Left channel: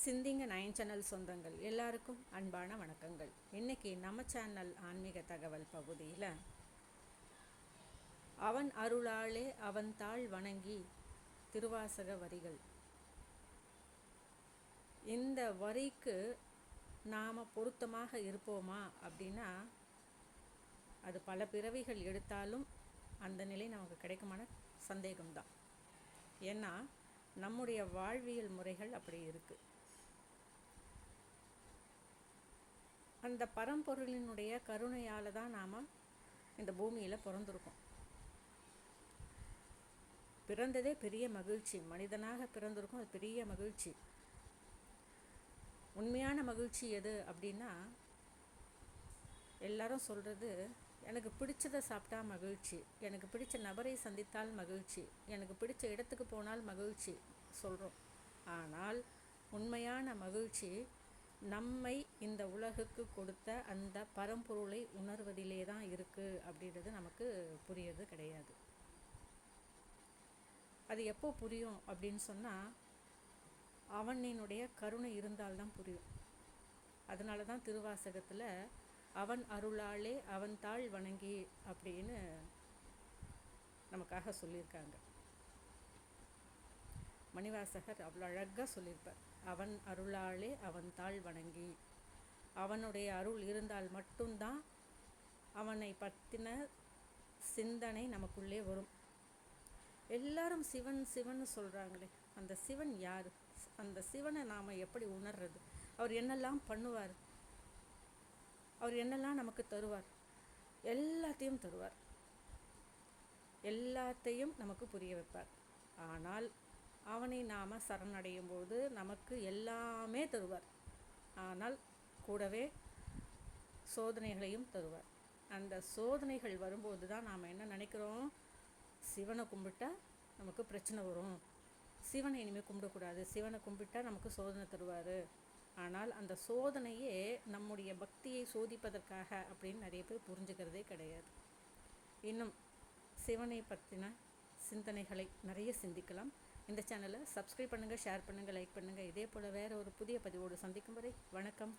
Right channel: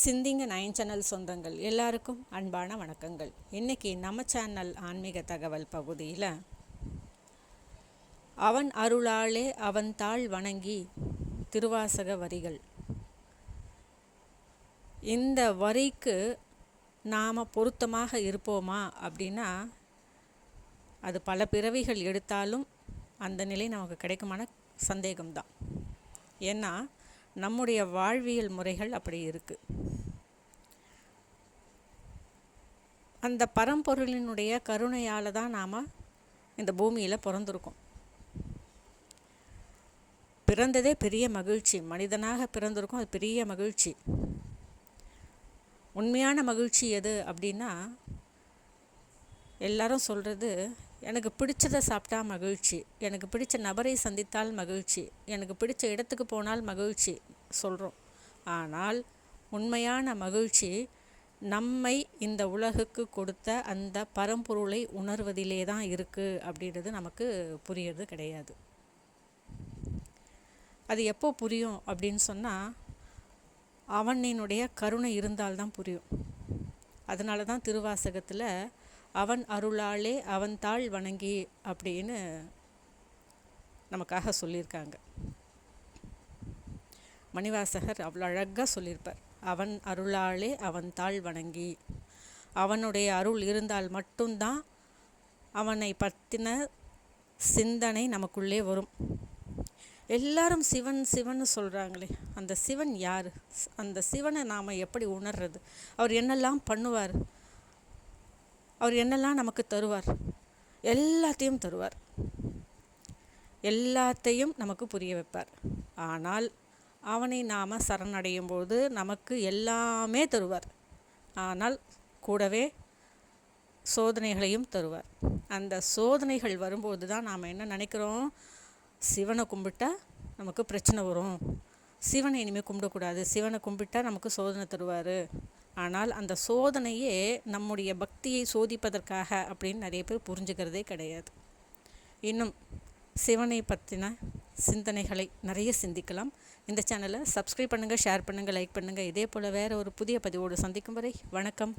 சிந்திங்க nine channel சொந்தங்கள். எல்லாருக்கும் அன்பான வணக்கங்கள். இன்றைக்கி நம்ம சேனல் ஆன்மீக தகவல் பகுதியில் அவன் அருளாலே அவன் தாள் வணங்கி திருவாசக வரிகள். இந்த வரிக்கு நாம் பொருத்தமாக இருப்போமா அப்படின்னா அது பல பிறவிகள் எடுத்தாலும் அந்த நிலை நமக்கு கிடைக்குமான சந்தேகம்தான். ஏன்னா நம்முடைய வாழ்வியல் முறைகள் அப்படி இருக்குது அந்த பரம்பொருளினுடைய கருணையால் தான் நாம் இந்த பூமியில் பிறந்திருக்கோம். பிறந்ததே பெரிய மகிழ்ச்சி. மனிதனாக பிறந்திருக்கோம் அது பெரிய மகிழ்ச்சி. உண்மையான மகிழ்ச்சி எது அப்படின்னா எல்லாரும் சொல்கிறது எனக்கு பிடிச்சதை சாப்பிட்டா மகிழ்ச்சி. எனக்கு பிடிச்ச நபரை சந்தித்தால் மகிழ்ச்சி. எனக்கு பிடிச்ச இடத்துக்கு போனால் மகிழ்ச்சி சொல்கிறோம் ஆனால் உண்மையான மகிழ்ச்சி நம்மை இந்த உலகுக்கு கொடுத்த அந்த பரம்பொருளை உணர்வதிலே தான் இருக்குது அப்படின்றது நமக்கு புரியறது கிடையாது. அது எப்போ புரியும் அப்படின்னு சொன்னால் அவனினுடைய கருணை இருந்தால்தான் புரியும். அதனால தான் திருவாசகத்தில் அவன் அருளாலே அவன் தாழ் வணங்கி அப்படின்னு நமக்காக சொல்லியிருக்காங்க. மணிவாசகர் அவ்வளோ அழகாக சொல்லியிருப்பார். அவன் அருளாலே அவன் தாழ் வணங்கி அவனுடைய அருள் இருந்தால் மட்டும்தான் அவனை பற்றின சிந்தனை நமக்குள்ளே வரும். எல்லாரும் சிவன் சிவன் சொல்கிறாங்களே அந்த சிவன் யார்? அந்த சிவனை நாம் எப்படி உணர்றது? அவர் என்னெல்லாம் பண்ணுவார்? அவர் என்னெல்லாம் நமக்கு தருவார்? எல்லாத்தையும் தருவார். எல்லாத்தையும் நமக்கு புரிய வைப்பார். ஆனால் அவனை நாம் சரணடையும் போது நமக்கு எல்லாமே தருவார். ஆனால் கூடவே சோதனைகளையும் தருவார். அந்த சோதனைகள் வரும்போது தான் நாம் என்ன நினைக்கிறோம்? சிவனை கும்பிட்டா நமக்கு பிரச்சனை வரும். சிவனை இனிமேல் கும்பிடக்கூடாது. சிவனை கும்பிட்டா நமக்கு சோதனை தருவார். ஆனால் அந்த சோதனையே நம்முடைய பக்தியை சோதிப்பதற்காக அப்படின்னு நிறைய பேர் புரிஞ்சுக்கிறதே கிடையாது. இன்னும் சிவனை பற்றின சிந்தனைகளை நிறைய சிந்திக்கலாம். இந்த சேனலை சப்ஸ்கிரைப் பண்ணுங்கள் ஷேர் பண்ணுங்கள் லைக் பண்ணுங்கள் இதே போல் வேறு ஒரு புதிய பதிவோடு சந்திக்கும் வரை வணக்கம்.